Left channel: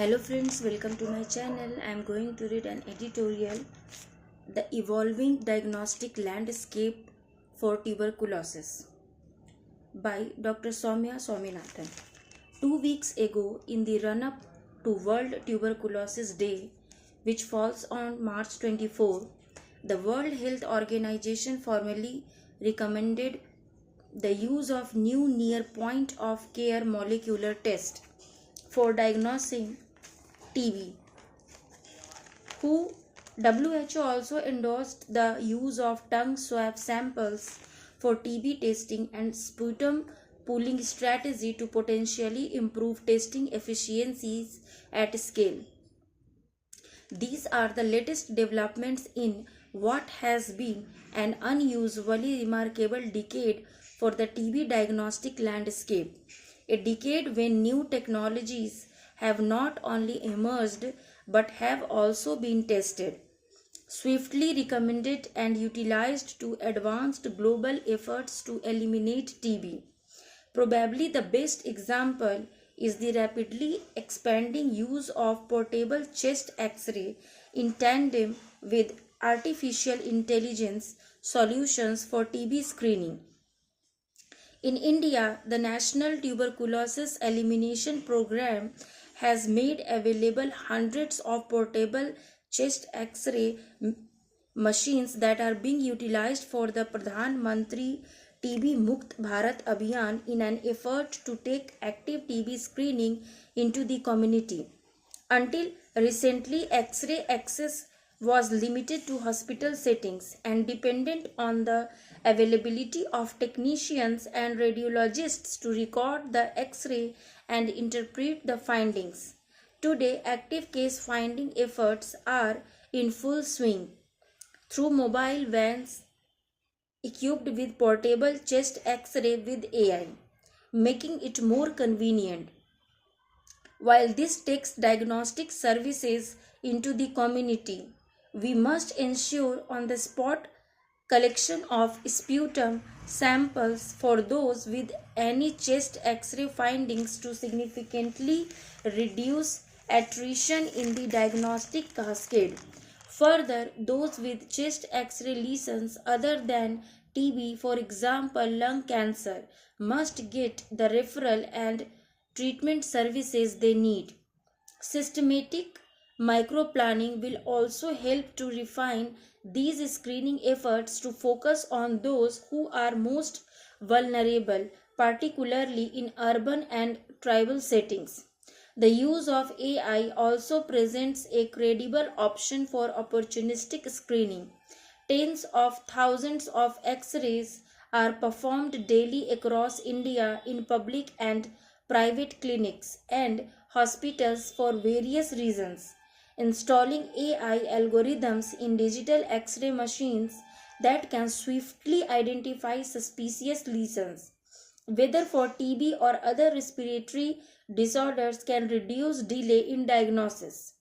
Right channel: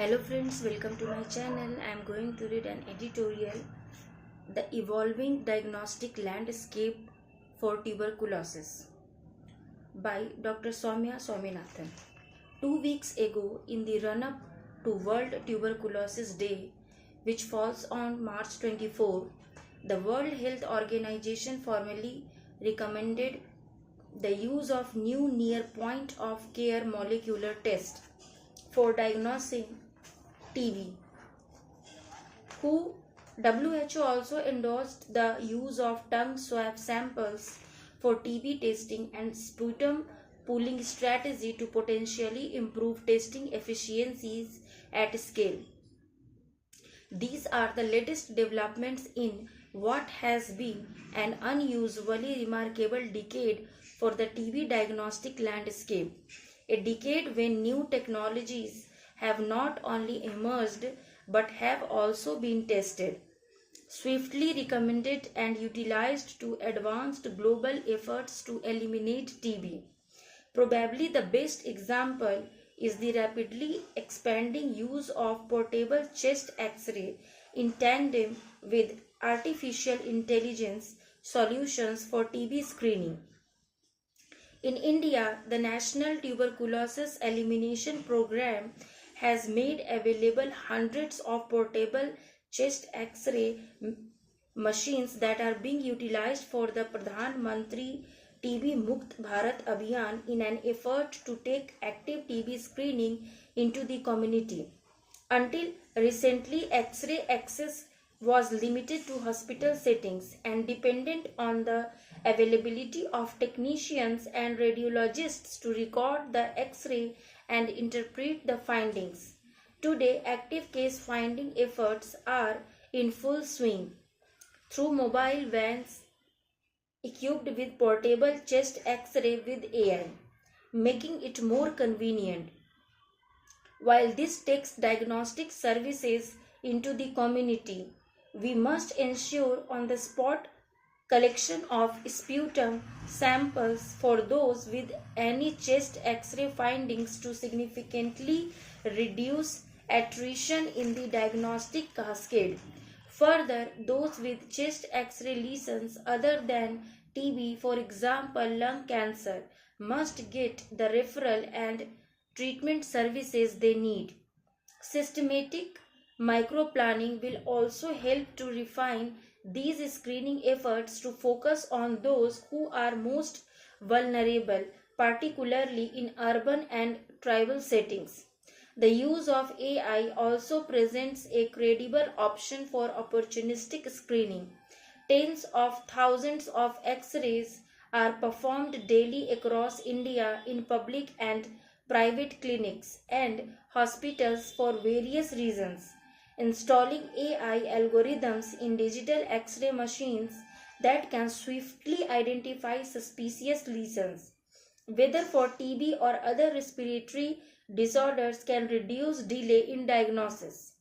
Hello friends, welcome to my channel. I am going to read an editorial, The Evolving Diagnostic Landscape for Tuberculosis by Dr. Soumya Swaminathan. 2 weeks ago, in the run-up to World Tuberculosis Day, which falls on March 24, the World Health Organization formally recommended the use of new near point of care molecular test for diagnosing TB. WHO also endorsed the use of tongue swab samples for TB testing and sputum pooling strategy to potentially improve testing efficiencies at scale. These are the latest developments in what has been an unusually remarkable decade for the TB diagnostic landscape. A decade when new technologies have not only emerged but have also been tested, swiftly recommended and utilized to advance global efforts to eliminate TB. Probably the best example is the rapidly expanding use of portable chest X-ray in tandem with artificial intelligence solutions for TB screening. In India, the National Tuberculosis Elimination Program has made available hundreds of portable chest X-ray machines that are being utilized for the Pradhan Mantri TB Mukt Bharat Abhiyan in an effort to take active TB screening into the community. Until recently, X-ray access was limited to hospital settings and dependent on the availability of technicians and radiologists to record the X-ray and interpret the findings. Today, active case finding efforts are in full swing through mobile vans equipped with portable chest X-ray with AI, making it more convenient. While this takes diagnostic services into the community, we must ensure on-the-spot collection of sputum samples for those with any chest X-ray findings to significantly reduce attrition in the diagnostic cascade. Further, those with chest X-ray lesions other than TB, for example lung cancer, must get the referral and treatment services they need. Systematic microplanning will also help to refine these screening efforts to focus on those who are most vulnerable, particularly in urban and tribal settings. The use of AI also presents a credible option for opportunistic screening. Tens of thousands of X-rays are performed daily across India in public and private clinics and hospitals for various reasons. Installing AI algorithms in digital X-ray machines that can swiftly identify suspicious lesions, whether for TB or other respiratory disorders, can reduce delay in diagnosis.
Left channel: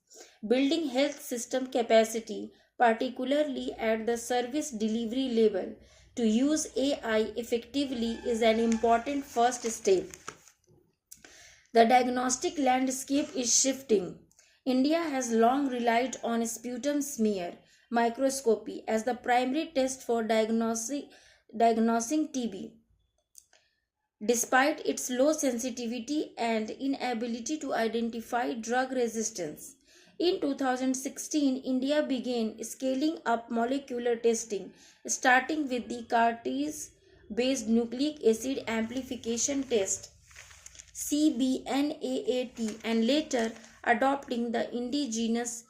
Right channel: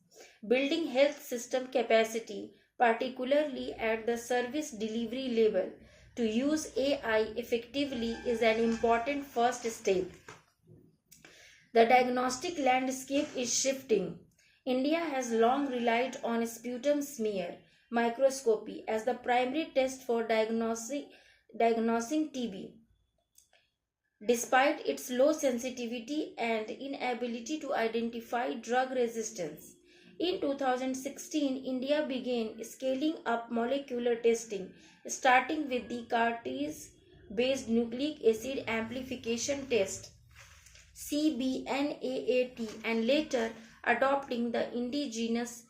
Building health system capacity, particularly at the service delivery level, to use AI effectively is an important first step. The diagnostic landscape is shifting. India has long relied on sputum smear microscopy as the primary test for diagnosing TB. Despite its low sensitivity and inability to identify drug resistance, in 2016, India began scaling up molecular testing, starting with the Cartridge-based Nucleic Acid Amplification Test CBNAAT and later adopting the indigenous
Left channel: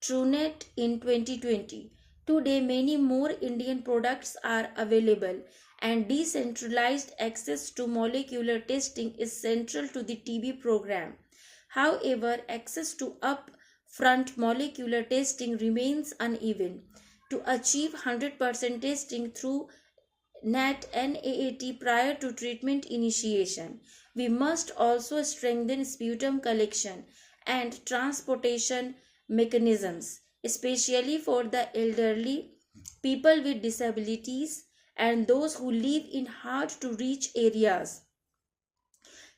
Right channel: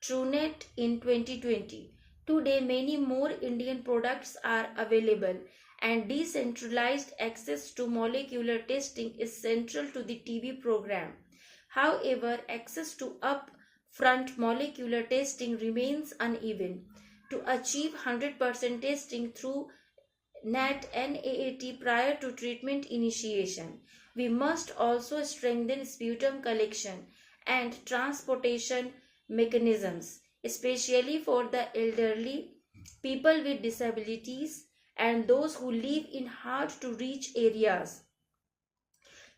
TrueNet in 2020. Today, many more Indian products are available and decentralized access to molecular testing is central to the TB program. However, access to upfront molecular testing remains uneven. To achieve 100% testing through NAAT prior to treatment initiation, we must also strengthen sputum collection and transportation mechanisms, especially for the elderly, people with disabilities, and those who live in hard-to-reach areas.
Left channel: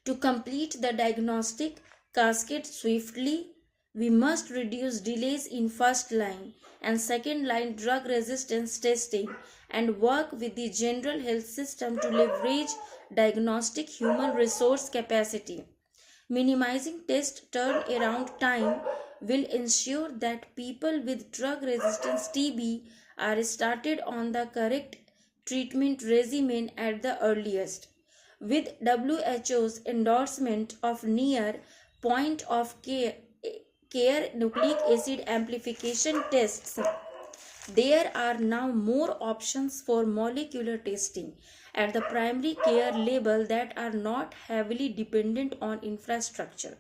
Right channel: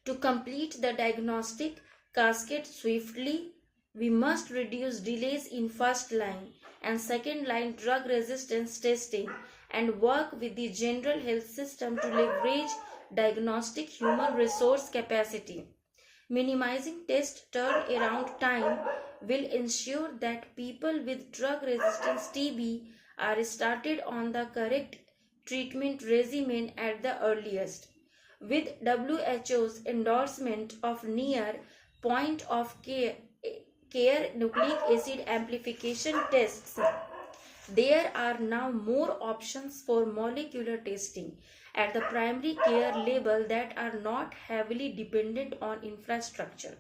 To complete the diagnostic cascade swiftly, We must reduce delays in first line and second line drug resistance testing and work with the general health system to leverage diagnostic human resource capacity. Minimizing test turnaround time will ensure that people with drug resistance TB are started on the correct treatment regimen at the earliest. With WHO's endorsement of near point of care nucleic acid amplification tests, there are now more options for molecular testing at the primary care level that are not heavily dependent on infrastructure.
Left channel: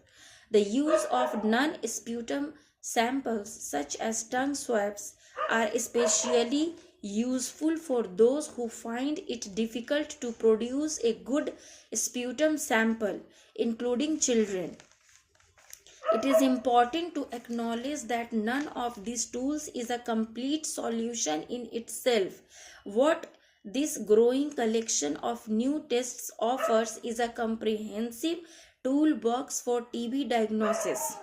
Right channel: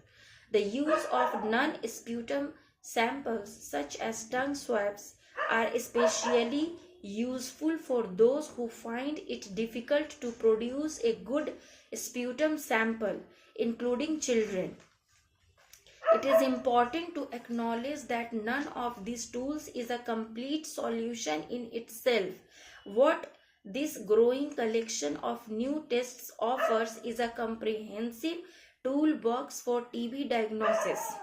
The use of non-sputum samples such as tongue swabs are especially useful for those who find it difficult to produce a good sputum sample, including children. It is important to acknowledge that none of these tools is a complete solution in itself. What this growing collection of new tests offers is a comprehensive toolbox for TB diagnosis.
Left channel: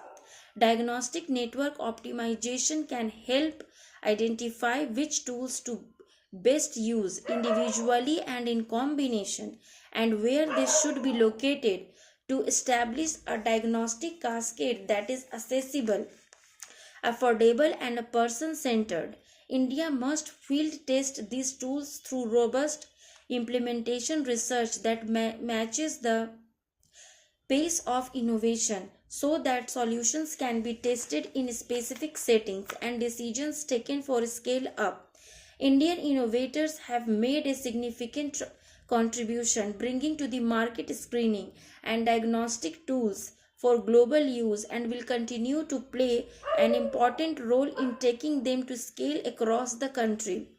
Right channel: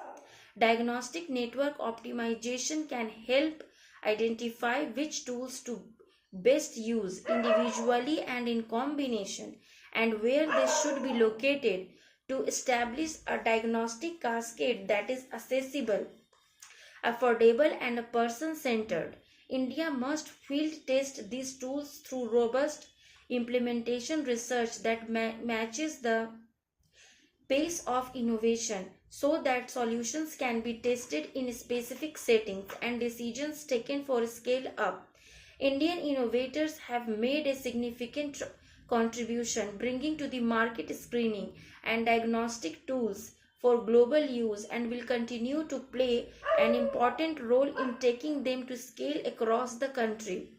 Diagnostic network optimization can help identify which tools to best use individually and in combination, and where they should be located to establish a diagnostic cascade that is accessible, affordable, and person-centered. India must field test these tools through robust implementation research that matches the pace of innovation so that solutions can be tested in specific settings and decisions taken for scale up. Indian innovators have made a significant contribution bringing to the market screening and diagnostic tools for global use and will continue to play an important role in taking them to scale across the country.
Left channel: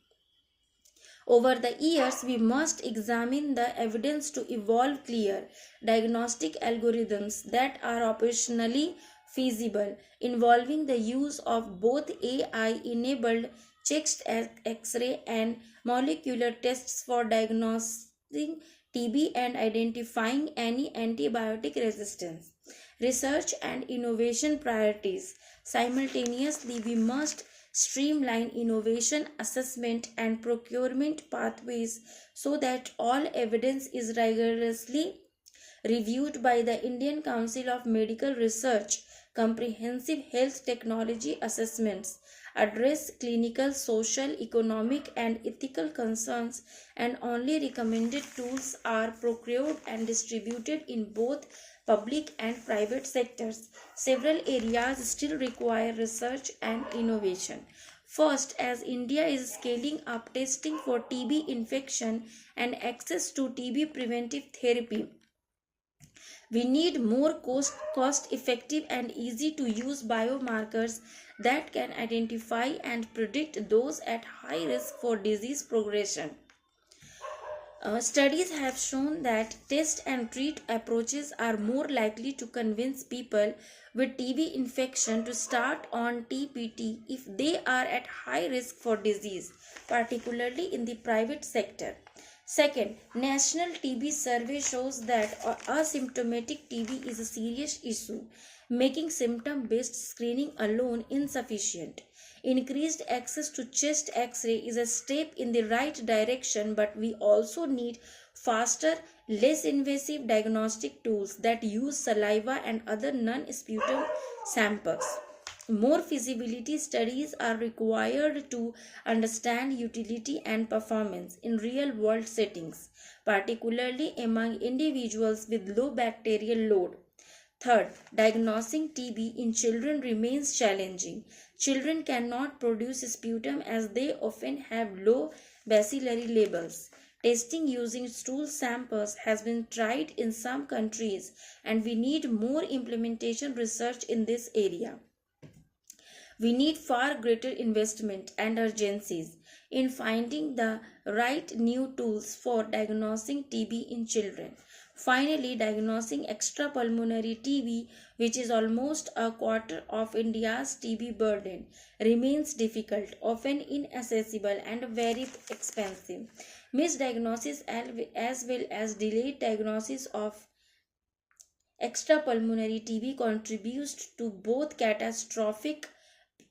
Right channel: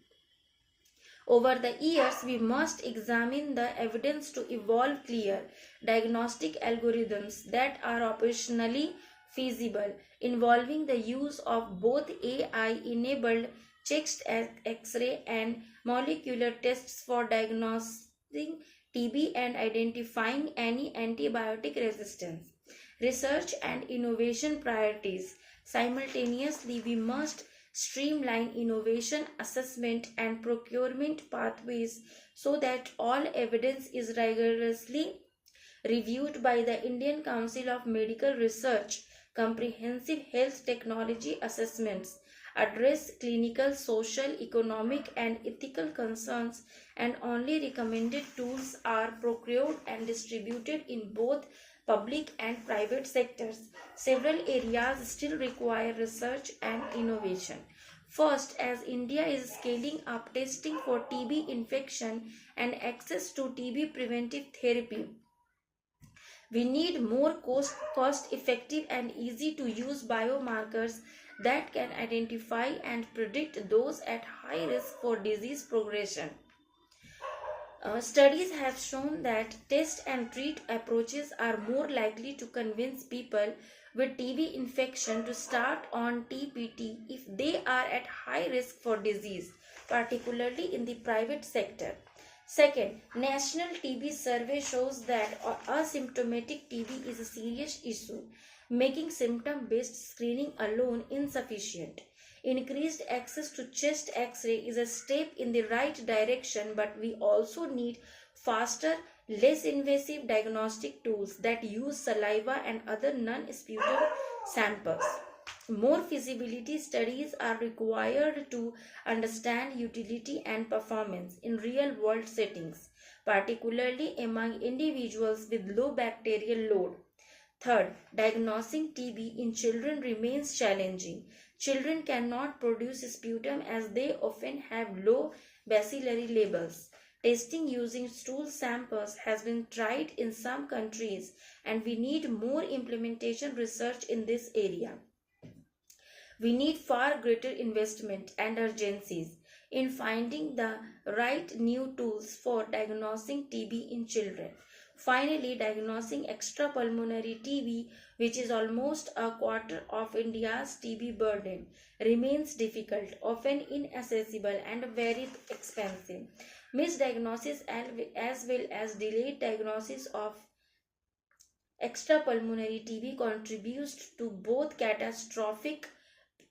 Over the years, we must examine the evidence to evolve clear diagnostic algorithms that are operationally feasible, involving the use of both AI-enabled chest X-ray and molecular tests for diagnosing TB and identifying any antibiotic resistance. Research and innovation priorities. Simultaneously, we must streamline innovation assessment and procurement pathways so that all evidence is rigorously reviewed by the Indian Council of Medical Research. Comprehensive health technology assessments address clinical, social, economic, and ethical concerns, and only recommended tools are procured and distributed in both public and private sectors. Several areas still require research and innovation. First, as India is scaling up testing for TB infection and access to TB preventive therapy, we need more cost-effective and easy-to-use biomarkers that can identify and predict those at high risk for disease progression. Studies have shown that test and treat approaches are more likely to convince people with TB infection to start on TPT if they are at high risk for disease, particularly in the private sector. Second, National TB Survey shows that asymptomatic TB is a serious issue, making symptom-based screening alone insufficient. Increased access to chest X-ray is a step in the right direction, but we also need faster, less invasive diagnostic tools that use saliva and other non-sputum samples. More feasibility studies are required to understand utility and performance in real-world settings, particularly among individuals with low bacterial load. Third, diagnosing TB in children remains challenging. Children cannot produce sputum as they often have low bacillary levels. Testing using stool samples has been tried in some countries, and we need more implementation research in this area. We need far greater investment and urgencies in finding the right new tools for diagnosing TB in children. Finally, diagnosing extrapulmonary TB, which is almost a quarter of India's TB burden, remains difficult, often inaccessible, and very expensive. Misdiagnosis as well as delayed diagnosis of Extrapulmonary TB contributes to both catastrophic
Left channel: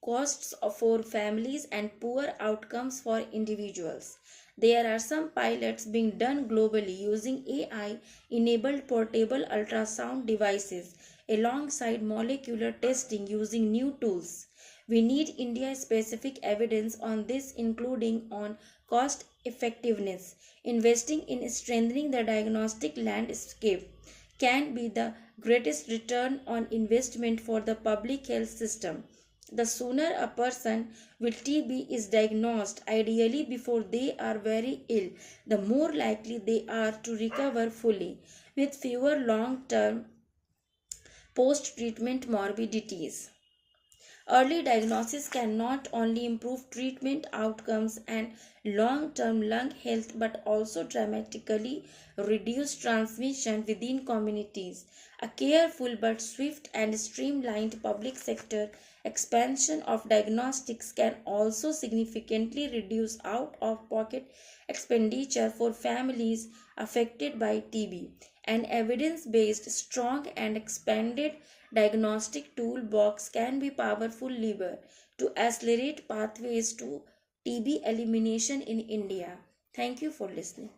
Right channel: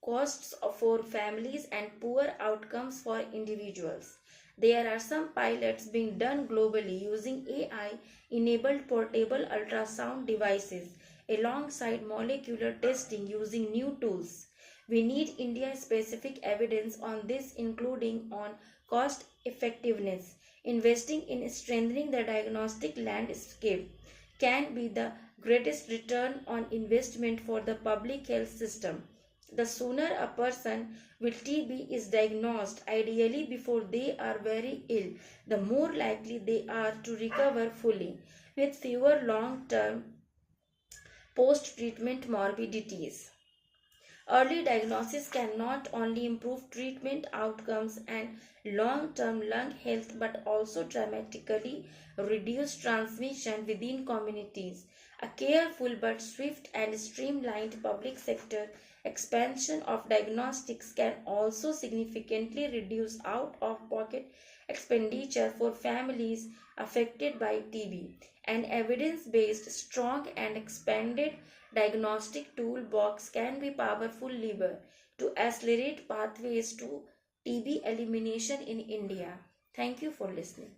costs for families and poor outcomes for individuals. There are some pilots being done globally using AI enabled portable ultrasound devices alongside molecular testing using new tools. We need India specific evidence on this, including on cost effectiveness. Investing in strengthening the diagnostic landscape can be the greatest return on investment for the public health system. The sooner a person with TB is diagnosed, ideally before they are very ill, the more likely they are to recover fully with fewer long term post treatment morbidities. Early diagnosis can not only improve treatment outcomes and long term lung health but also dramatically reduce transmission within communities. A careful but swift and streamlined public sector expansion of diagnostics can also significantly reduce out of pocket expenditure for families affected by TB. An evidence based, strong, and expanded diagnostic toolbox can be a powerful lever to accelerate pathways to TB elimination in India. Thank you for listening.